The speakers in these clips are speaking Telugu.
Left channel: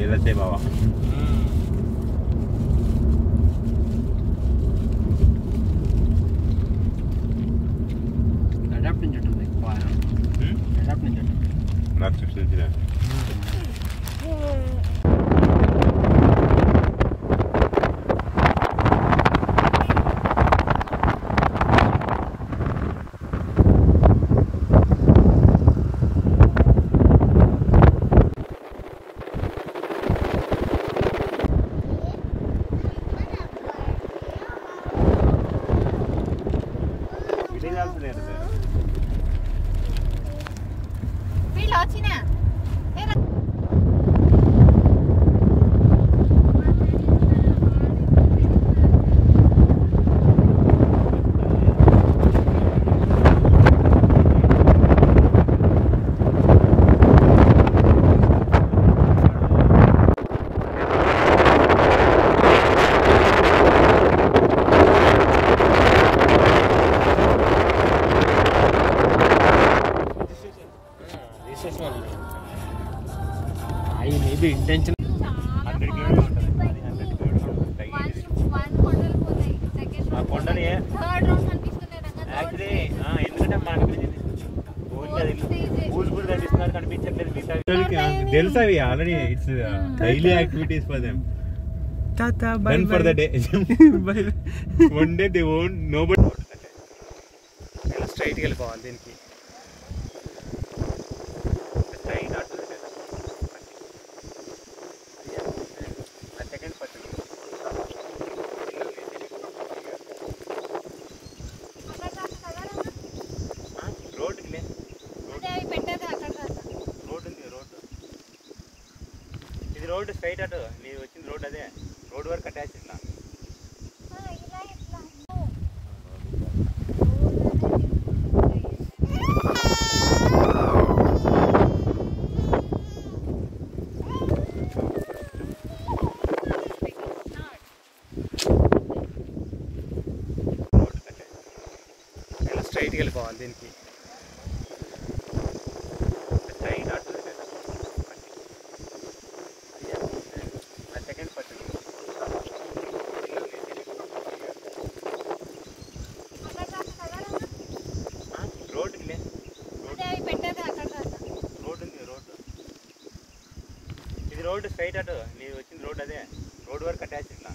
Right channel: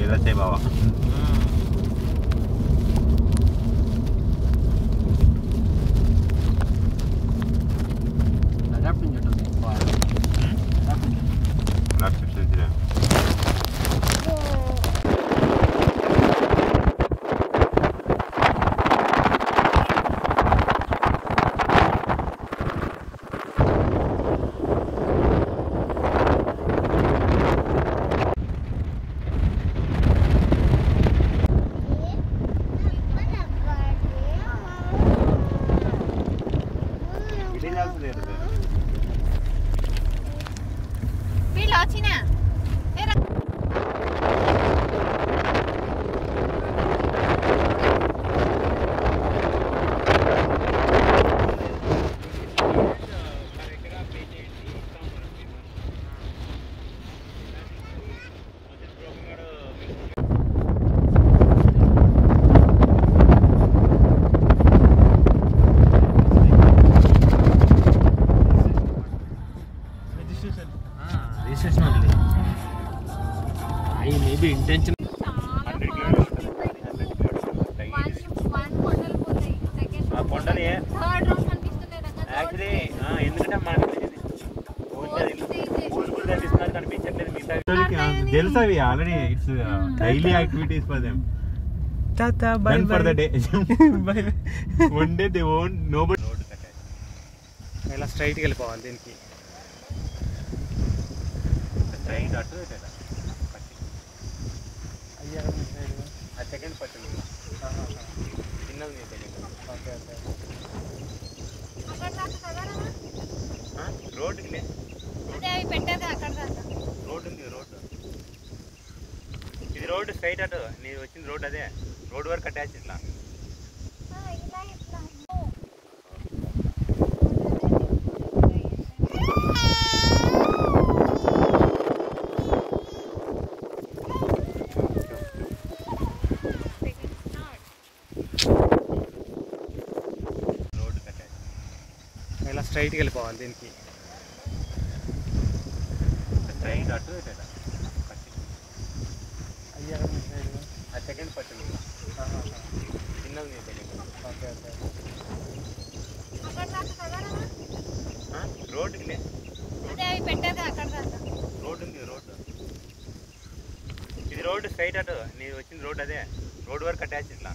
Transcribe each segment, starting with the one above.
वेलसे बाबा इंटेंशन తెలుసు అవి already it's daily activities for them tata bye by for the day one day they won't nobody ఇలా స్ట్రైట్ గా వెళ్ళిపోవాలి దీనికి సెకండ్ పట్టింది రోడ్డుకి లే రోడ్డు ఉంది రోడ్డు ఇది రోడ్డు స్ట్రైట్ అటు నేను వచ్చింది రోడ్డు అదే రోడ్డు వరకు అటాచ్ ఇట్లా ఇలా స్ట్రైట్ గా వెళ్ళిపోవాలి దీనికి సెకండ్ పట్టింది రోడ్డుకి లే రోడ్డు ఉంది రోడ్డు ఇది రోడ్డు స్ట్రైట్ అటు నేను వచ్చింది రోడ్డు అదే రోడ్డు వరకు అటాచ్ ఇట్లా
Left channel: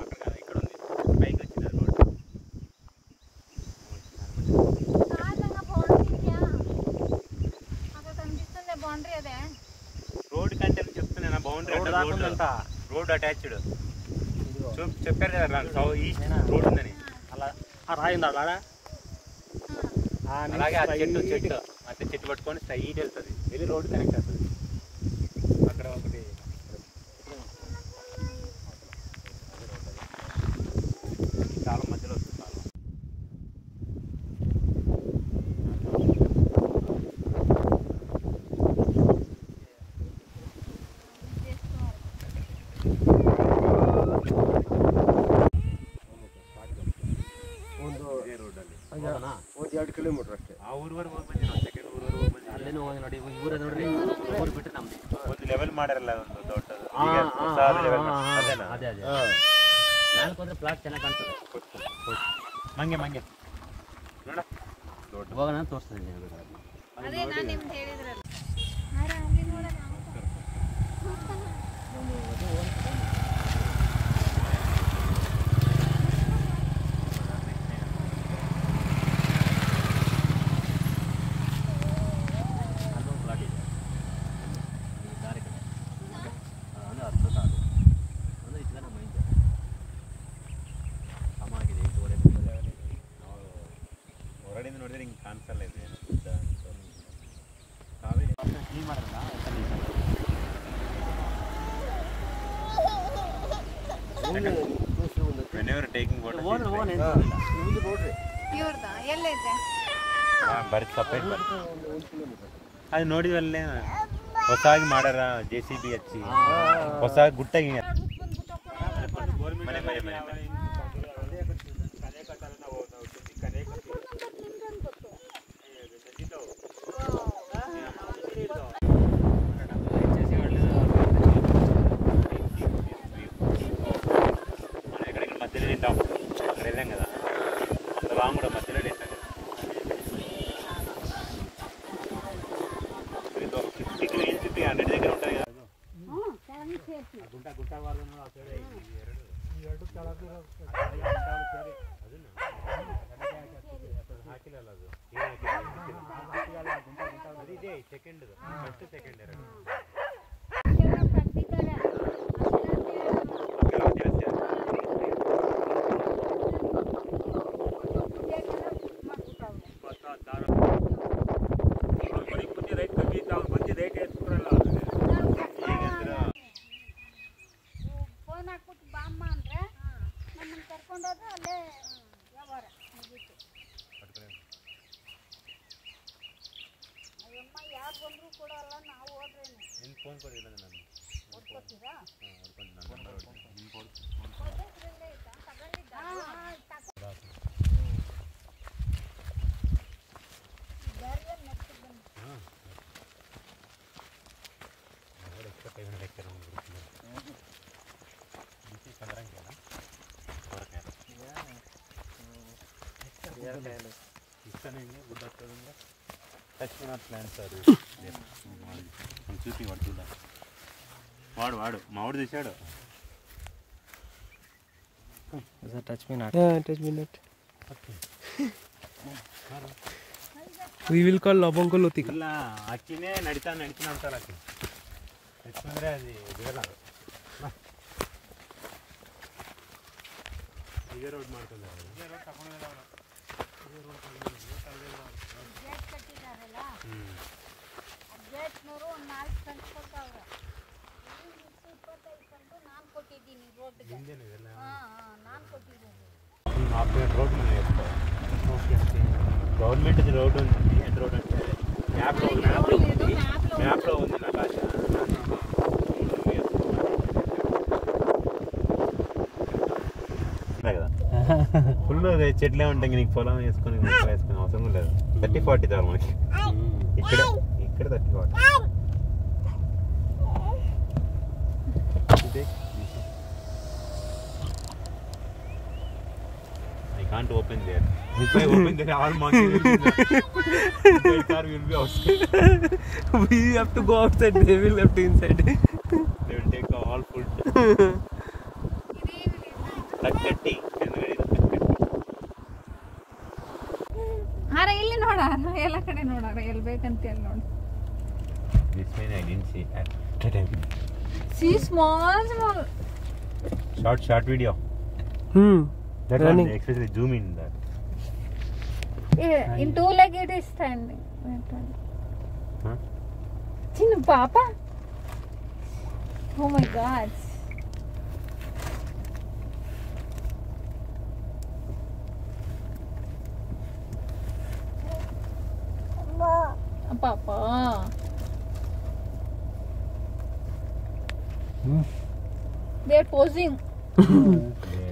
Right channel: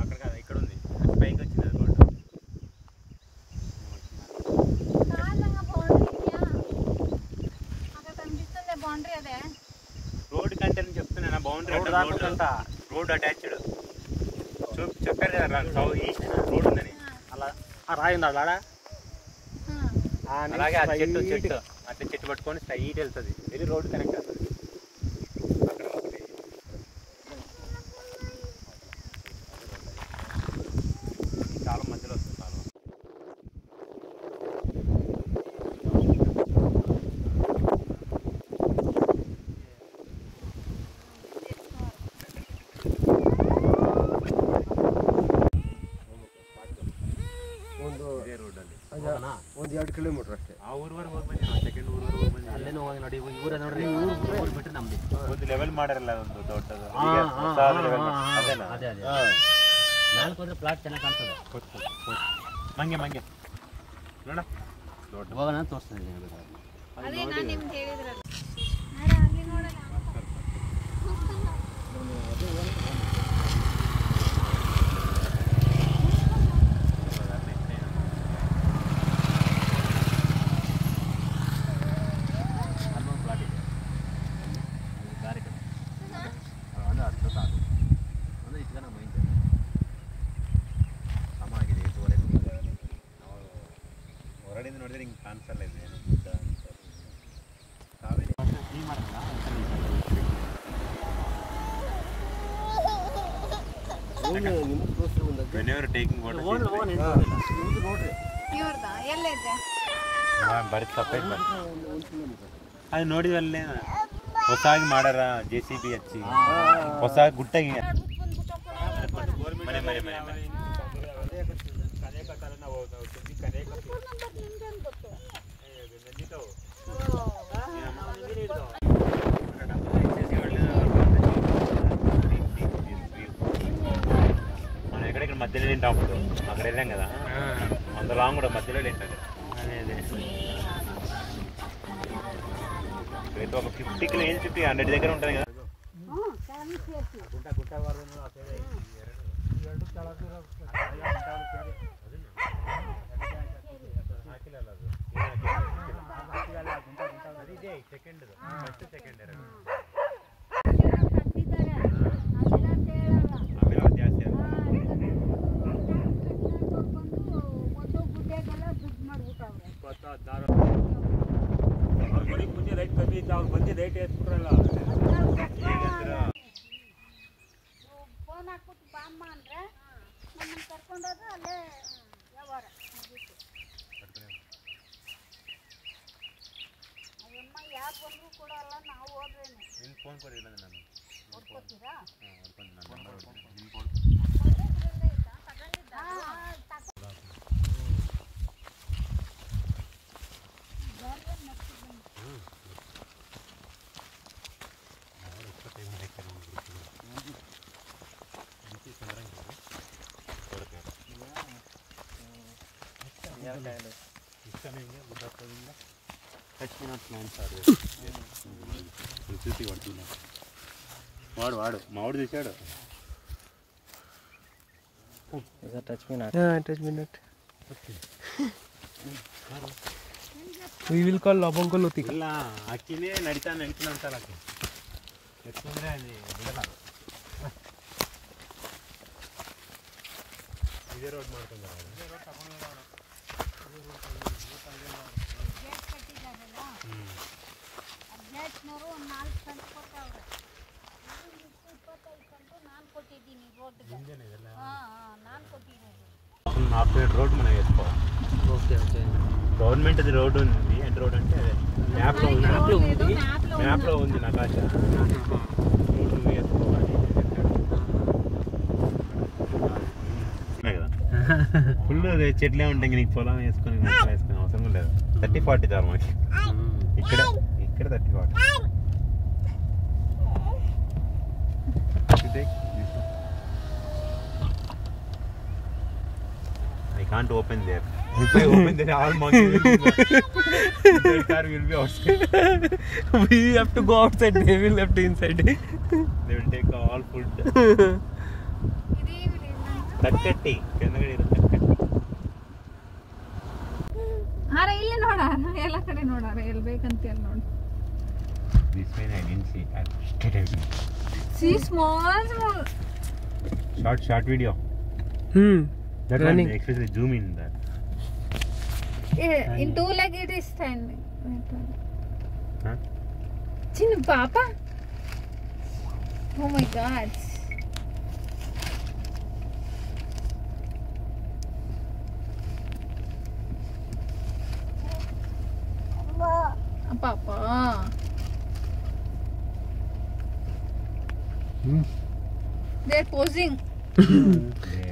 అక్కడ కాదు ఇక్కడ ఉంది పైకి వచ్చింది అది రోడ్డు రోడ్డు కంటే చెప్తున్నా బౌండరీ రోడ్డు అటాచ్డ్ చెప్పారు కదా ఈస్ట్ రోడ్ ఉందని అలా రాయింది అలా అలాగే ఆ చెట్టు అట్లా చెట్టు పట్టుకొని స్ట్రైట్ వెళ్తుంది ఇది రోడ్డు కనెక్ట్ అవుతుంది అక్కడ ఒకటి చాలా మధ్యలో వస్తుంది చాలా ಒಂದು 2 ಕಿಲೋಮೀಟರ್ ಅಷ್ಟೇ ಆ ಊರ್ವರೆಗೆ ಹೋಗ್ಬಂದಿ ನಾವು ಸೆಕೆಂಡ್ ಊರ್ವರೆಗೆ ಹೋಗ್ಬಂದಿ ಅಲ್ಲೇನೋ ಹೋಗಿ ನೋಡಿ ಊರ ನೋಡ್ರಿ ಊರು ಬಿಟ್ಟು ನಮ್ದು ಒಂದು ಲೆವೆಲ್ ಮಾಡಿರಲ್ಲ ಒಂದು ದೊಡ್ಡದು ಅದೇನಾ ಅದೇ ಅದೇ ನಾಲ್ಕು ಹೋದ್ರೆ ಪ್ಲಾಟ್ ಚೆನ್ನಾಗಿ ಕಾಣ್ತದೆ ಮಂಗೆ ಮಂಗೆ ನೋಡ ಹೋಗೋಣ ತೋರಿಸ್ತೀನಿ ಹೊರಡಿಂದ ನೋಡಿದ್ರೆ ಹಿಂಗೆ ಕಾಣಿಸಲ್ಲ ಇದೆ ಕಾವೇರಿ ನೀ ಮಾಡಲ್ಲ whenever taking photos ಬರೀ ಸಪ್ರೇಟ್ ಅದು ನೋಡಿವಲ್ಲೇ ಹೊಸಾಗಿ ಮಾಡ್ಯಾರ JCB ಹಚ್ಚಿ ಹೊಸ ಗುಟ್ಟಾಗಿ ಮನೆ ಮನೆ ಮನೆ మనం ఎక్కడెక్కడ మధ్యలో తింటాం అక్కడ వెళ్ళాం కదా అంత లాంగ్ కూడా మధ్యలో తింటాం ఒక 50 కిలోమీటర్స్ 100 దగ్గర ఉంటుంది కదా సెకండ్ ఫస్ట్ సెకండ్ ಫೋನ್ ಹಾಕ್ಬಿಟ್ಟು ಬಾಮ್ಮ ಅಂದ್ರೆ ನಮ್ಮನ್ನು ಕರ್ಕೊಂಡೋದ್ರೆ ಅಲ್ಲೇ ವ್ಯವಹಾರ ಮುಗೀತು. ಅಯ್ಯಮ್ಮ ಯಾರು ಬಂದರೂ ಕೊಡೋಲ್ಲ, ನಾವು ಹೋದ್ರೇನೆ. ನಿನ್ನ ಫೋನ್ ಕೊಡಿಲ್ಲ ನಾನು ಕೊಡ್ಕೊತೀರಾ? ಹೊಡ್ಕೊಂಡು ನಾನು ನಂಬರ್ ಹೊಡ್ತೀನಿ ನಿನ್ನ ಕೊಡು చూసి పడుతుందా వాడు వాడు మావాడు చూశాడు touch me not we will call ಲವಂಗೊಲೋತಿ ಇಲ್ಲ ಅಕ್ಕಿನೇ ನಡಿತಾ ಅಂತಾರ ಅಕ್ಕಿ ಎತ್ತಂದ್ರೆ ಅಲ್ಲಿ ಬಿಡಲ್ಲ ಇದೇ ರೋಡ್ ಮಾಡ್ಕೊಂಡು ಅಜ್ಜನವರು ಒಂದು 4 ಕಂತು ಕೊಟ್ಟವ್ರೆ. 25 ಕಂತು ನಾನು ಕೊಟ್ಟಿದ್ದೀನಿ ರೋಡ್ಗೆ. ನಾನು ಕೊಟ್ಟಿದ್ದೀನಿ. రోడ్ మనం వేసుకోవాలి. ఓకే ఓకే గవర్నమెంట్ అది రోడ్ ఉంది. ఎంత రోడ్ అంటే అదే మ్యాప్లో ఉంది నకాశ కదా ఫుల్ చెట్లే ఉంటాయి. నీకు పొలం వేసుకొని వేసుకునే అవసరం లేదు. 30-40 చాలు మనకి. ఇక్కడ 30-40. I can't open there. If I open there, all monkey will be inside. Car will be outside. we have to go outside, they will have to inside. They will take all food. ತಕ್ಕಟ್ಟಿ ಆರ ಇಲ್ಲಿ ನೋಡಾರ ಎಲ್ಲ ಕಡೆ ನೋಡಾರ ಎಲ್ಲಿ ಬೇಕಂತ ಎಲ್ಲಿ ನೋಡಿ. This one I didn't see. See small. Short video. That Running. one, especially zoom in that. In 2 leg it is standing. Huh? Chinnu papa. Oh my God. Papa. They're posing.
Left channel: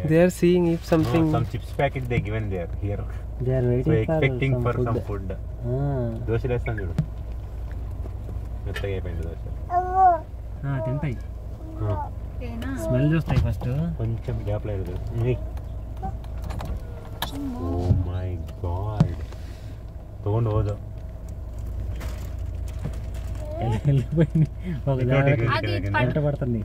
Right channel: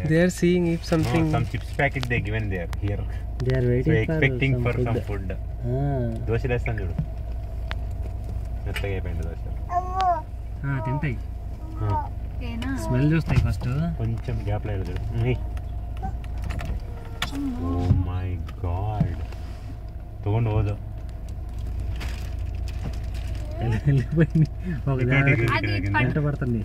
They are seeing if something Some chips packet they given there here. they are So waiting expecting for some some food. Dosa వేస్తాను చూడు. మెత్తగా అయిపోయింది దోశ. తింటాయి ఏనా స్మెల్ చూస్తాయి ఫస్ట్ కొంచెం గ్యాప్ లేదు చూడు. ఓ మై గాడ్ తಗೊಂಡು ಹೋದ పడుతుంది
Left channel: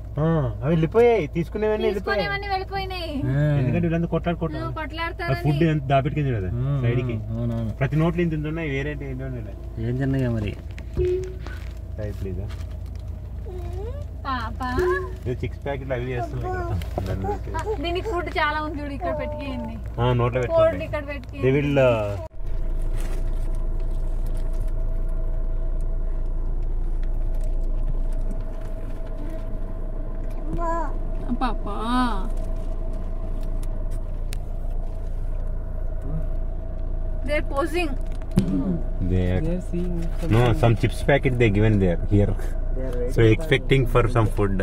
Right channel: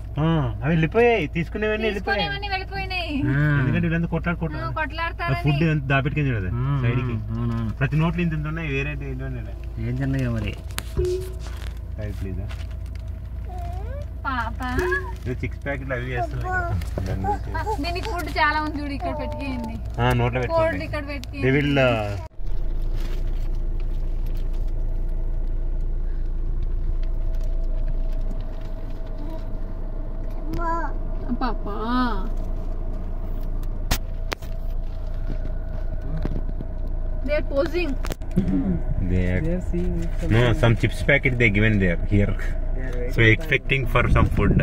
అవి వెళ్ళిపోయాయి. తీసుకునేవన్నీ వెళ్ళిపోయాయి. వెళ్ళిపోయినాయి. ఎందుకంటే వీళ్ళంతా కొట్లాడుకుంటారు. కొట్లాడతారు. ఫుడ్ దాపెట్టుకుని చూడదు సైడ్ కి. అవునవును ప్రతి నోట్లు ఇంత ఉన్నాయి. వేరే ఏం చిన్నగా మరి ప్లీజ్ పాప 6 ప్యాకెట్లు అవి వేస్తున్నాయి. దీనికి ఫుడ్ చాలా ఉంది చూడు. ఇక్కడ పెట్టుకేయండి. నోట్లో ఫుడ్ పెట్టుకుంటాయి. ఇక్కడ పెట్టుకి. They will పాప they're posing. they are seeing if no some chips packet they given there here. So expecting for some food.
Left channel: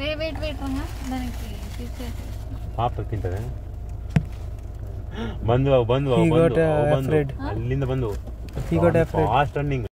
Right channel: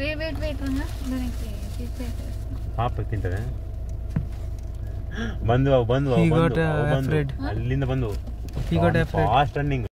wait Ranga దానికి తీసేసి ಪಾಪ ತಿಂತದೆ. ಬಂದು He got afraid. ಅಲ್ಲಿಂದ ಬಂದು He got afraid. Fast running.